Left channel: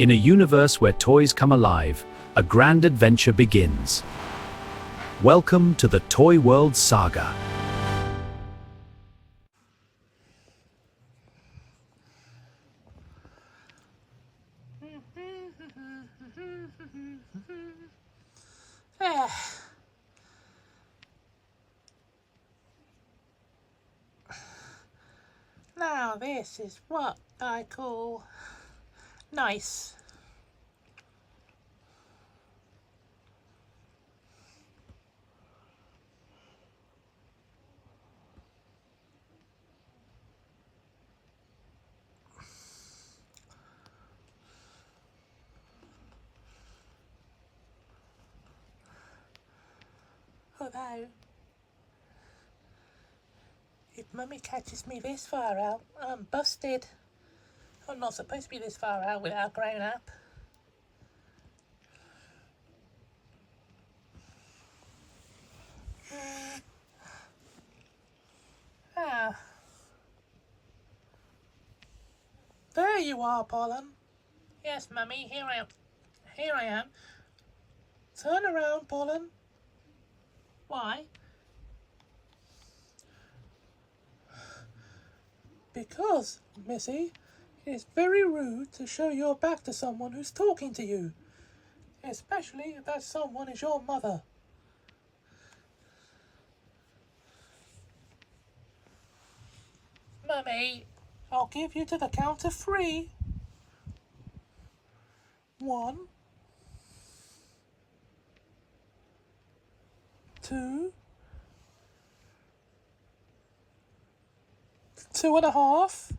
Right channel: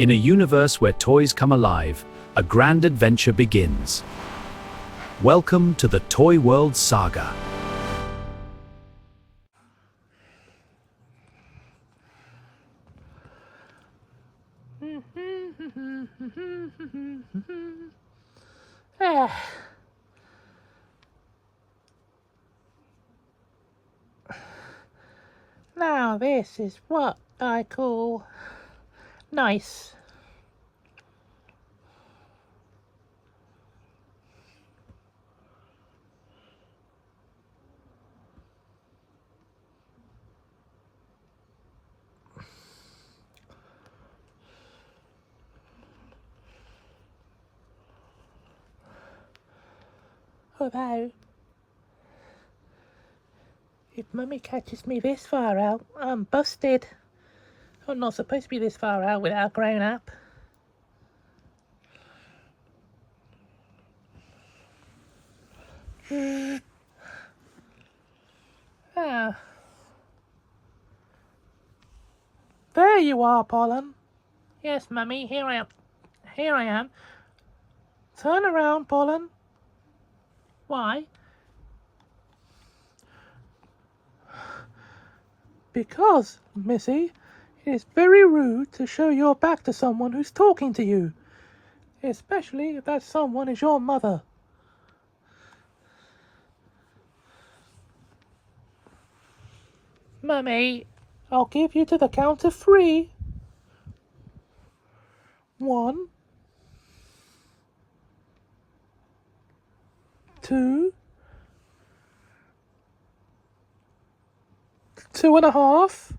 In a universe where toys come alive, a grand adventure begins. Welcome to the Toy World Saga. Now this is what I call nice. Although, if Mummy catches me this far out, I'm busted. I'm not supposed to be this far out without grown up. Ah. There you are, Pollen. Yes, Mummy, here I am. Here I am. Turn around, Pollen. Why? Because, Missy, it is very rude to show your back to someone who's talking to you. Especially if that someone is your mother. Mummy, I'll give you to the count of 3. 1, 2, 2.5.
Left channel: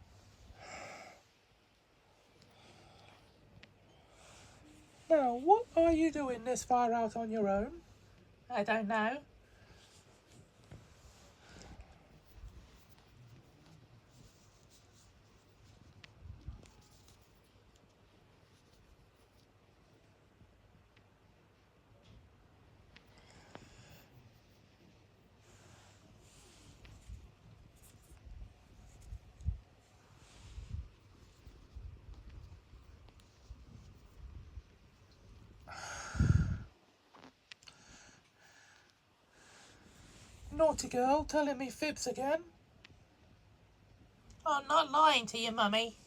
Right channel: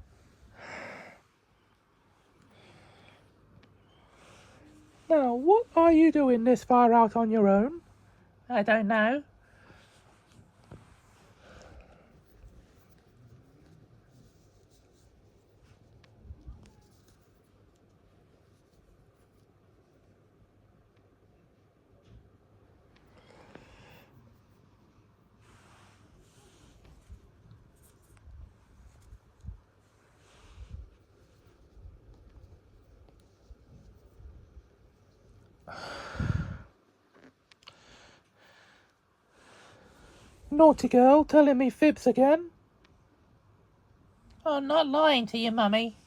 Now, what are you doing this far out on your own? I don't know. Naughty girl, telling me fibs again. I'm not lying to you, Mummy.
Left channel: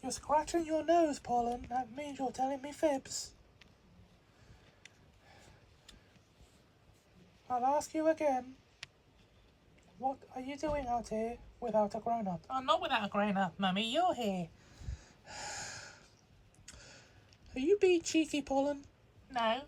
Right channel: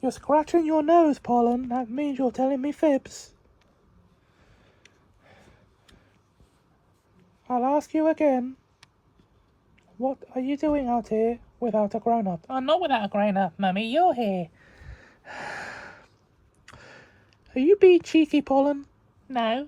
You're scratching your nose, Pollen. That means you're telling me fibs. I'll ask you again. What are you doing out here without a grown-up? I'm not without a grown-up, Mummy. You're here. Are you being cheeky, Pollen? No.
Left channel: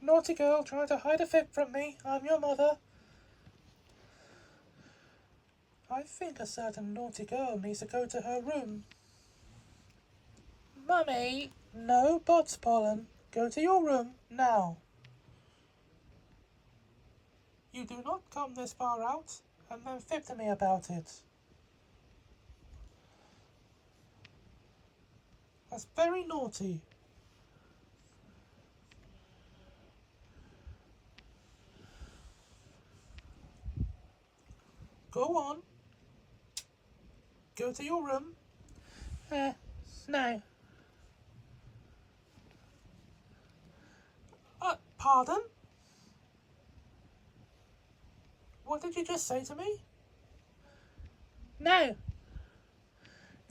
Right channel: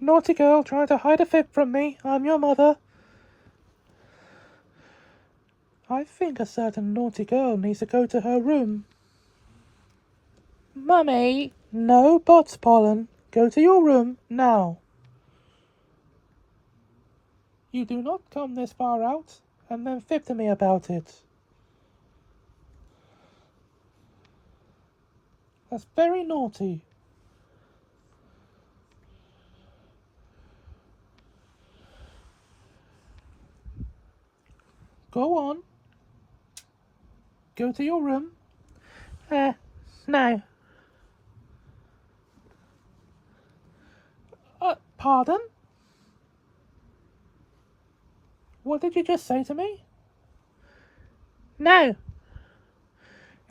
Naughty girl trying to hide a fib from me. I'm your mother. I think a certain naughty girl needs to go to her room. Mummy! No buts, Pollen. Go to your room now. You do not come this far out and then fib to me about it. That's very naughty. Go on. Go to your room. No. Pardon? What did you just say to me? No.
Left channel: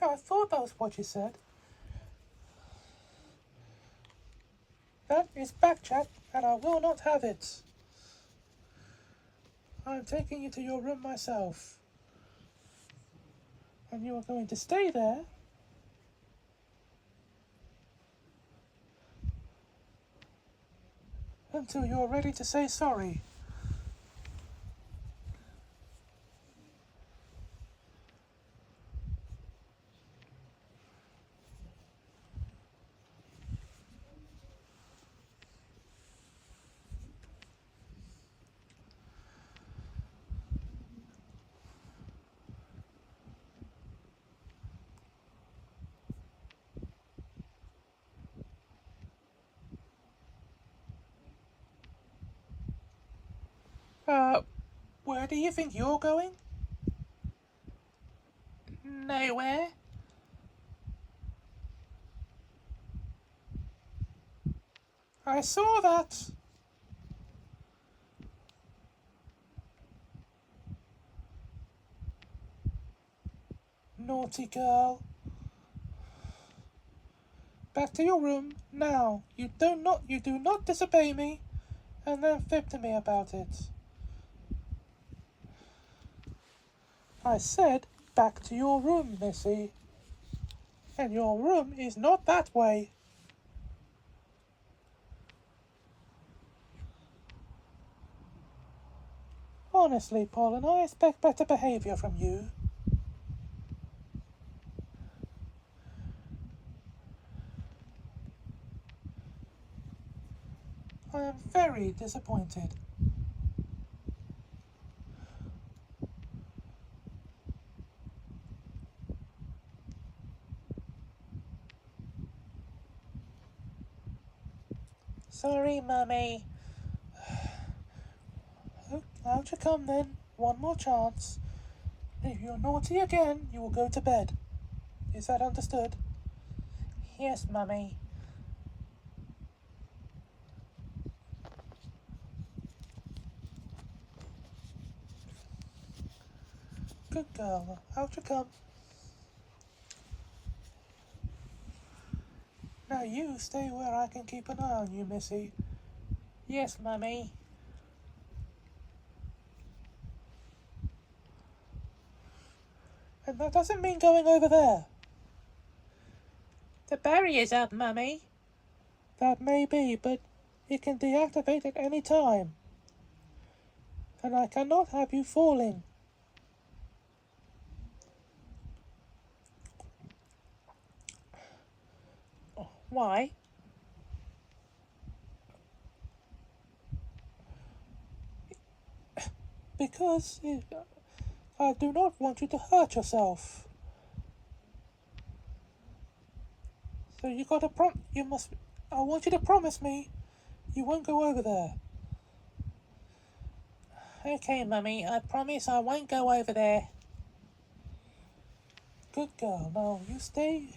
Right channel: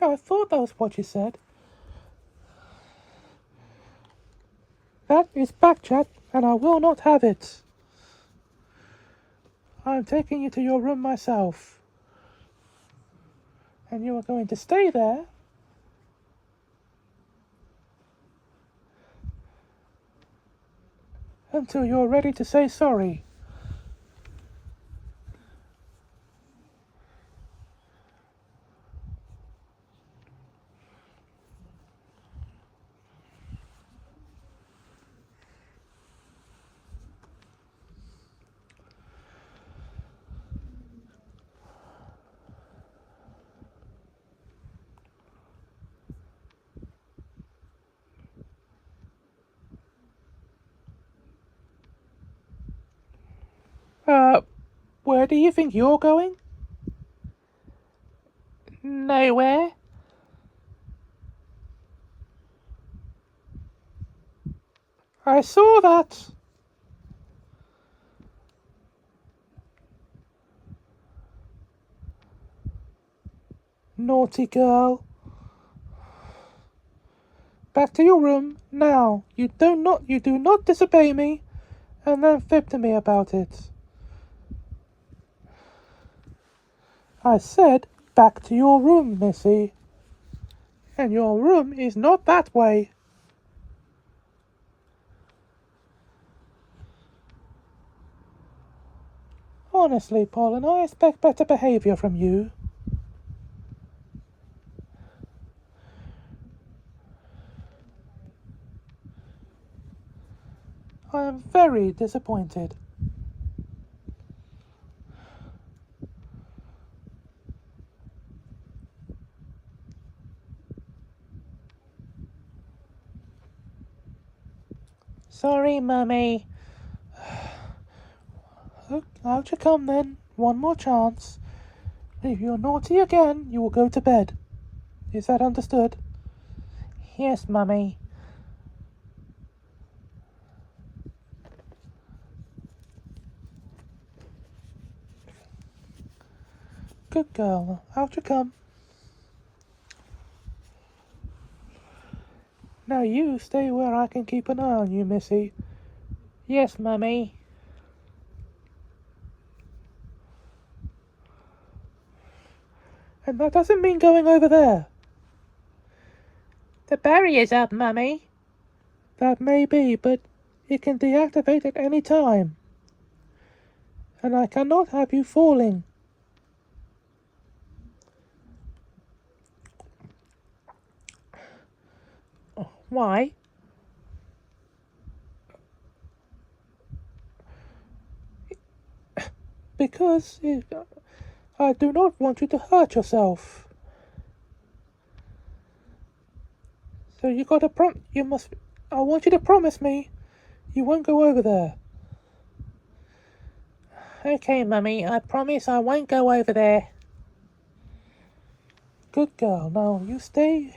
No, I thought that was what you said. That is backchat, and I will not have it. I am taking you to your room myself. And you are going to stay there until you're ready to say sorry. Where do you think you're going? Nowhere. I saw that. Naughty girl. Back to your room, now. You do not disobey me, and then fib to me about it. I said, back to your room, Missy. And your room is not that way. Honestly, Pollen, I expect better behavior from you. I am very disappointed. Sorry, Mummy. Out you come then. One more chance. If you're naughty again, you will go to bed. Is that understood? Yes, Mummy. Good girl. Out you come. Now you stay where I can keep an eye on you, Missy. Yes, Mummy. And that doesn't mean going over there. The barrier's up, Mummy. That may be, but it can deactivate at any time. And I cannot have you falling. Why? Because I do not want you to hurt yourself. So I want you to promise me you won't go over there. Okay, Mummy, I promise I won't go over there. Good girl. Now you stay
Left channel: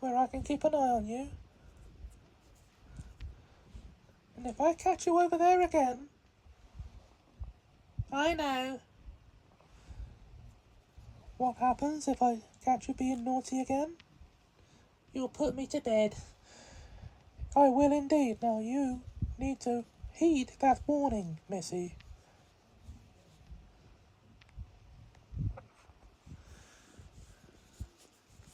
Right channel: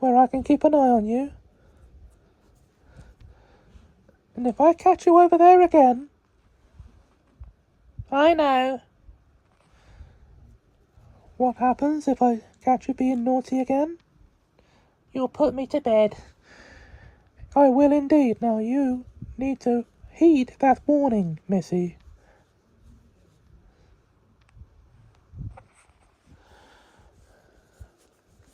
where I can keep an eye on you. And if I catch you over there again... I know. What happens if I catch you being naughty again? You'll put me to bed. I will indeed. Now you need to heed that warning, Missy.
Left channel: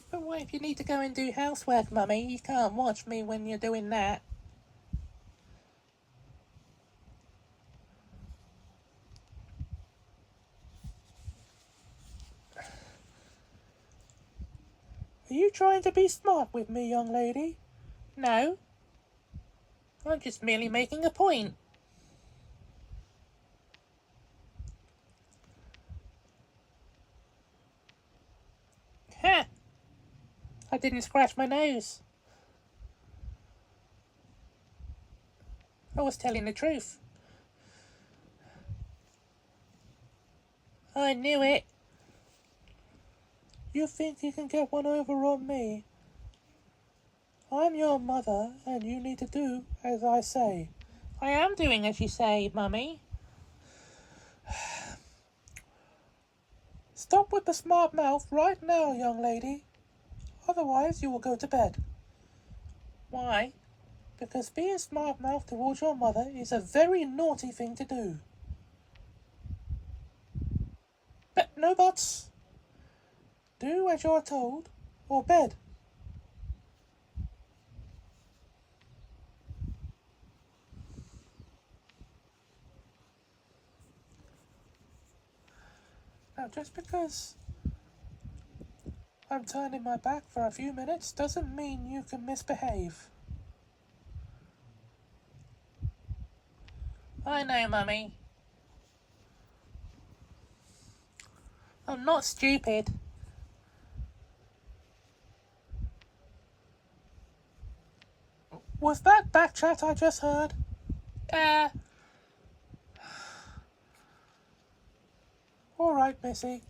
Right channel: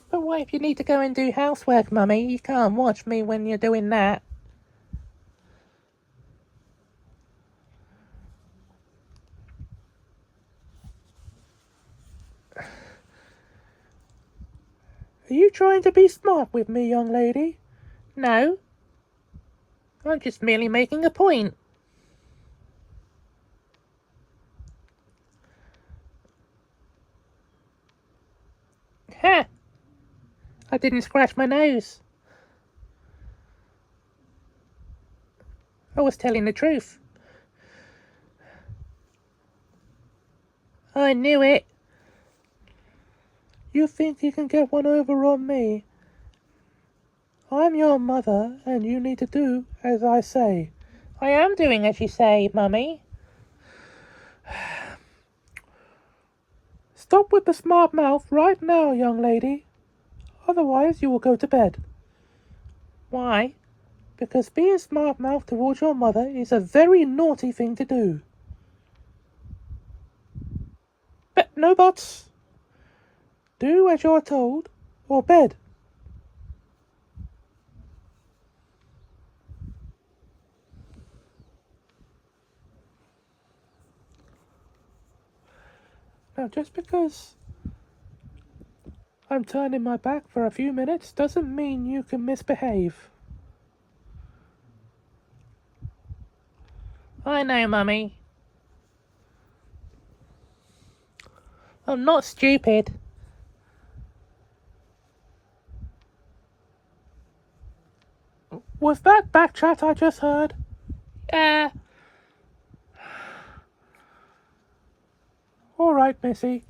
But what if you need to go and do housework, Mummy? You can't watch me when you're doing that. Are you trying to be smart with me, young lady? No. I'm just merely making a point. Ha! I didn't scratch my nose. I was telling the truth. I knew it. You think you can get one over on me? I'm your mother, and you need to do as I say. I am doing as you say, Mummy. Stop with the smart mouth right now, young lady. Otherwise, you will go to bed. Why? Because being smart-mouthed towards your mother is a very naughty thing to do. But no buts. Do as you're told, or bed. Now, just because I'm turning my back for a few minutes doesn't mean you can misbehave. I know, Mummy. I'm not stupid. Was that back chat I just heard? All right, Missy.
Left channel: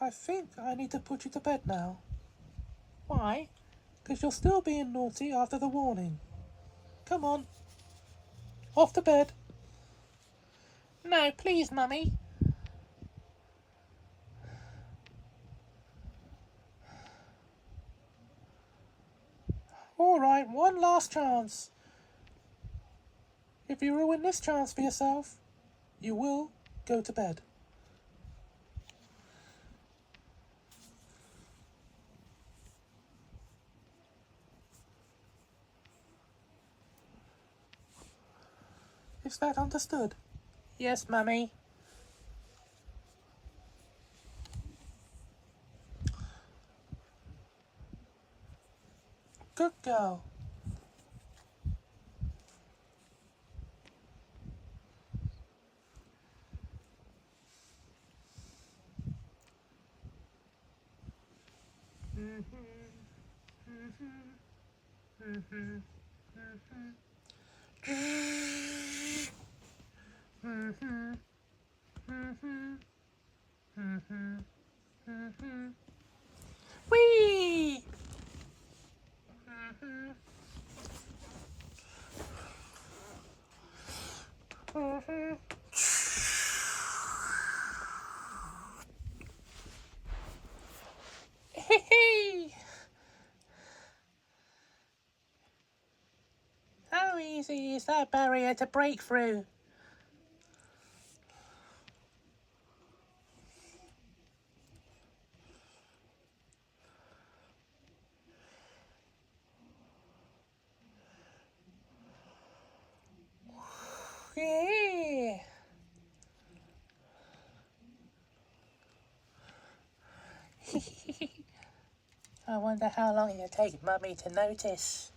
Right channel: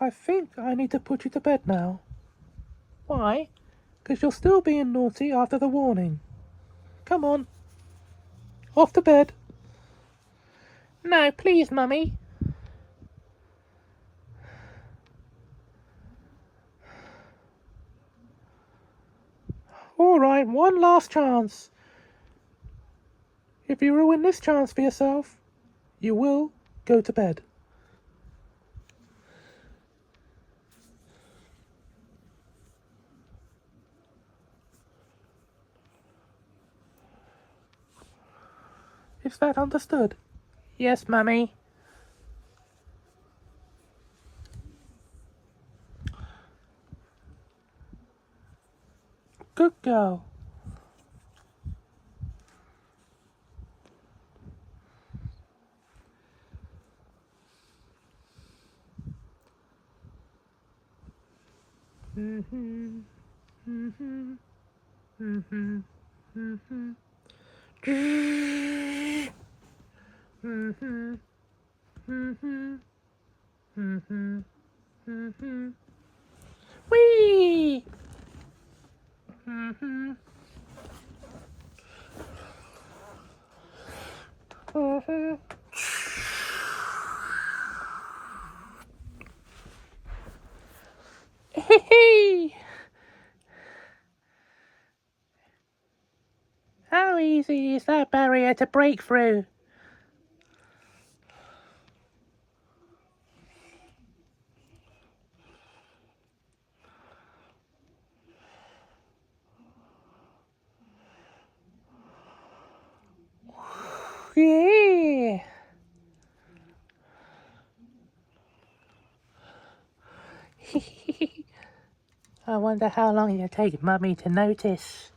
I think I need to put you to bed now. Why? Because you're still being naughty after the warning. Come on. Off to bed. No, please, Mummy. All right, one last chance. If you ruin this chance for yourself, you will go to bed. Is that understood? Yes, Mummy. Good girl. Whee! How easy is that barrier to break through? Yeah. I wonder how long it'll take Mummy to notice.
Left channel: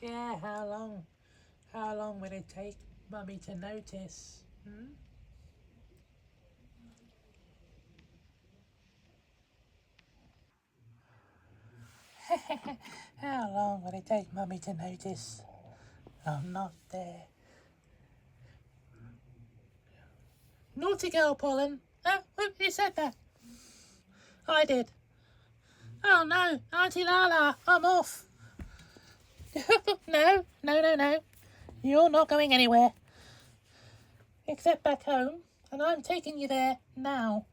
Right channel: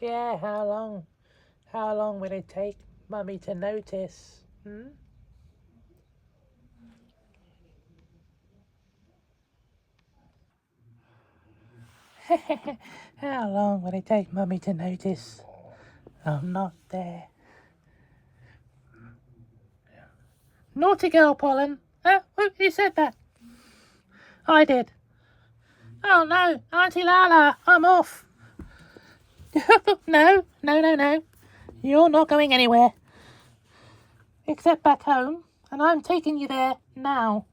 Yeah, how long? How long will it take Mummy to notice? How long will it take Mummy to notice I'm not there? Naughty girl, Pollen. Who said that? I did. Oh no, Auntie Lala, I'm off. No. You're not going anywhere. Except back home, and I'm taking you there now.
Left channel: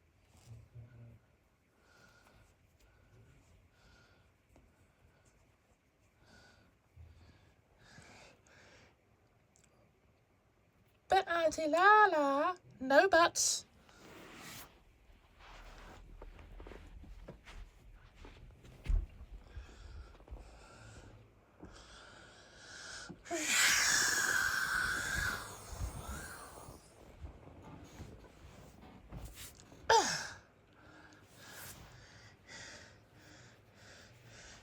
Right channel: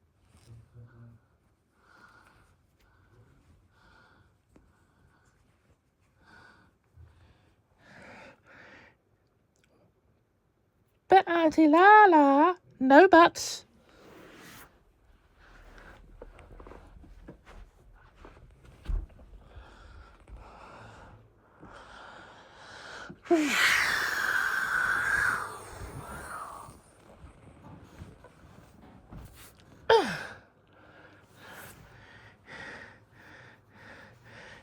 But Auntie Lala, no buts.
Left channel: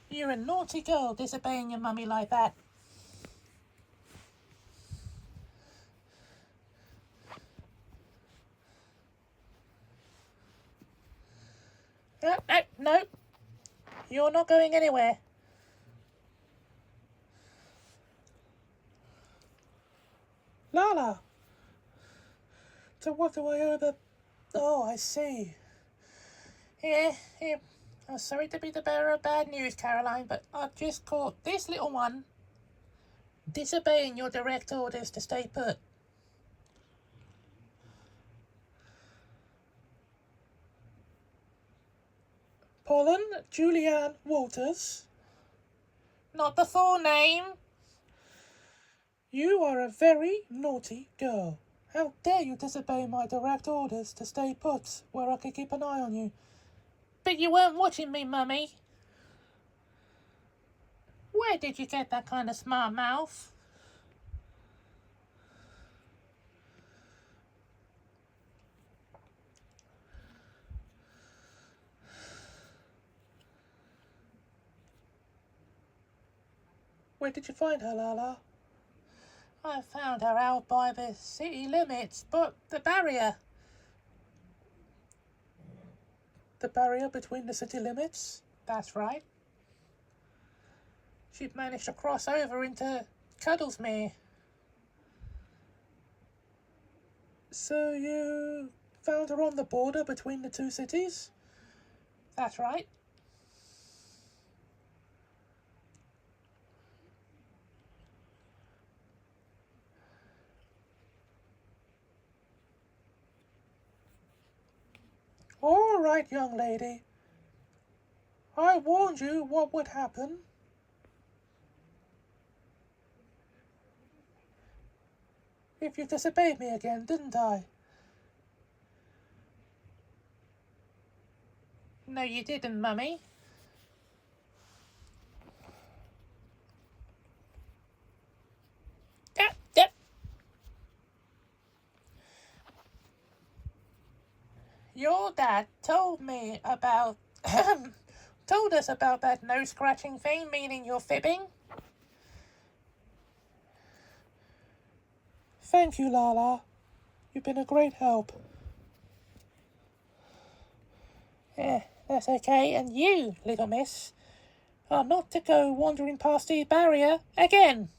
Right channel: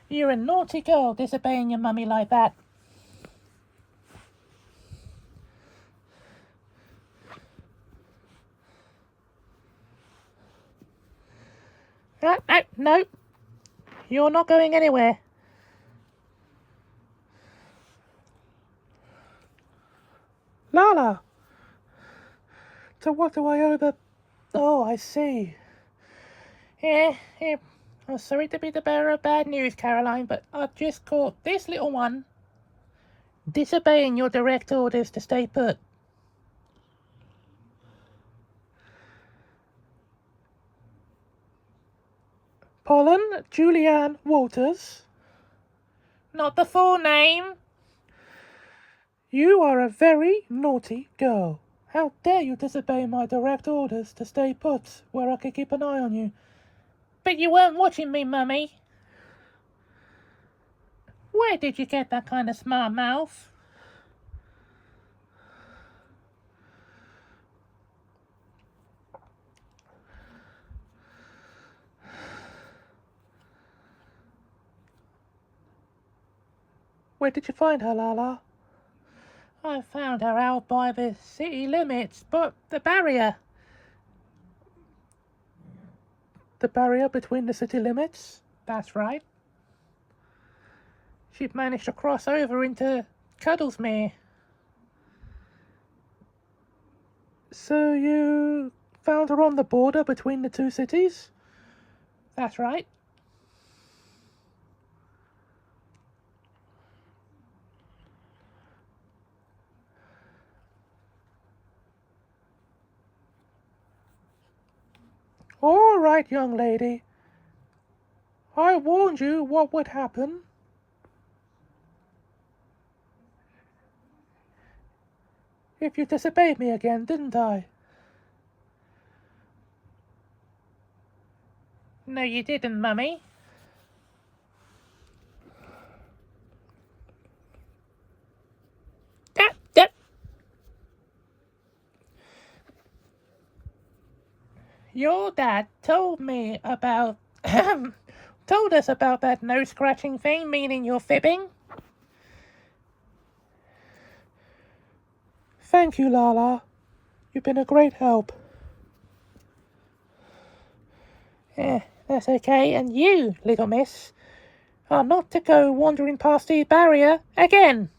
You're a naughty girl disobeying your mummy like that. No. You're not going anywhere. Lala! So what do I owe the... Oh, I see. Yeah. I'm sorry to be the bearer of bad news, Caroline, but I just caught this little one disobeying your direct orders to stay put. Pollen Julianne Walters. Not the full name. You are a very naughty girl. How dare you disobey my direct orders to stay put where I could keep an eye on you? But you weren't watching me, Mummy. Where did you get that kind of smart mouth? Where did you find her, Lala? I found her out by the city limits, but the barrier. The barrier between the city limits? That's right. She'd managed to cross over into Cuddlesmere. So you found her on the border between the two cities? That's right. All right, young lady. I warned you what would happen. If you disobeyed me again, didn't I? No, you didn't, Mummy. Your dad told me about told us about that nose scratching thing, meaning you're fibbing. Thank you, Lala. You've been a great help. That's okay. And you, little miss, are not to go wandering past the barrier again.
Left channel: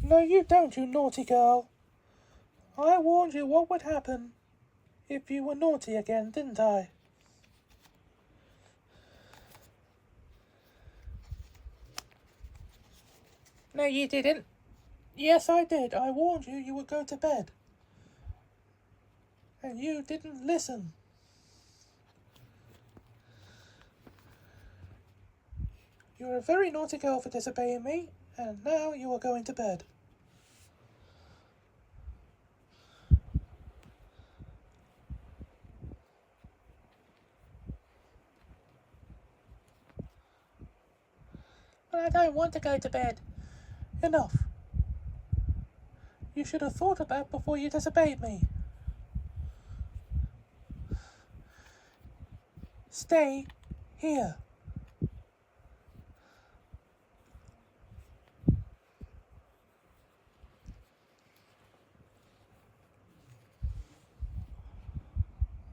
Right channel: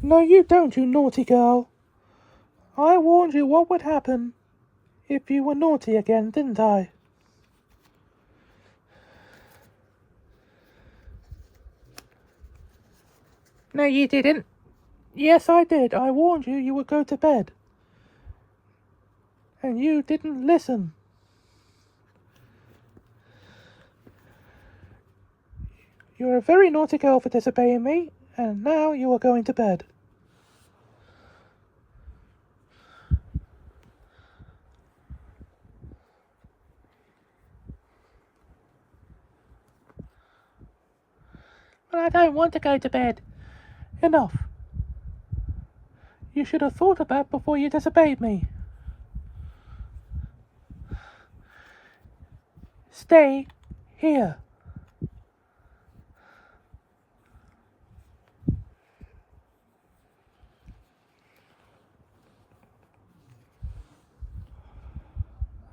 No, you don't, you naughty girl. I warned you what would happen if you were naughty again, didn't I? No, you didn't. Yes, I did. I warned you you would go to bed. And you didn't listen. You're a very naughty girl for disobeying me, and now you are going to bed. But I don't want to go to bed. Enough. You should have thought of that before you disobeyed me. Stay here.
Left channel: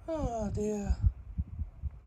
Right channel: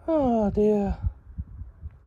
Oh dear.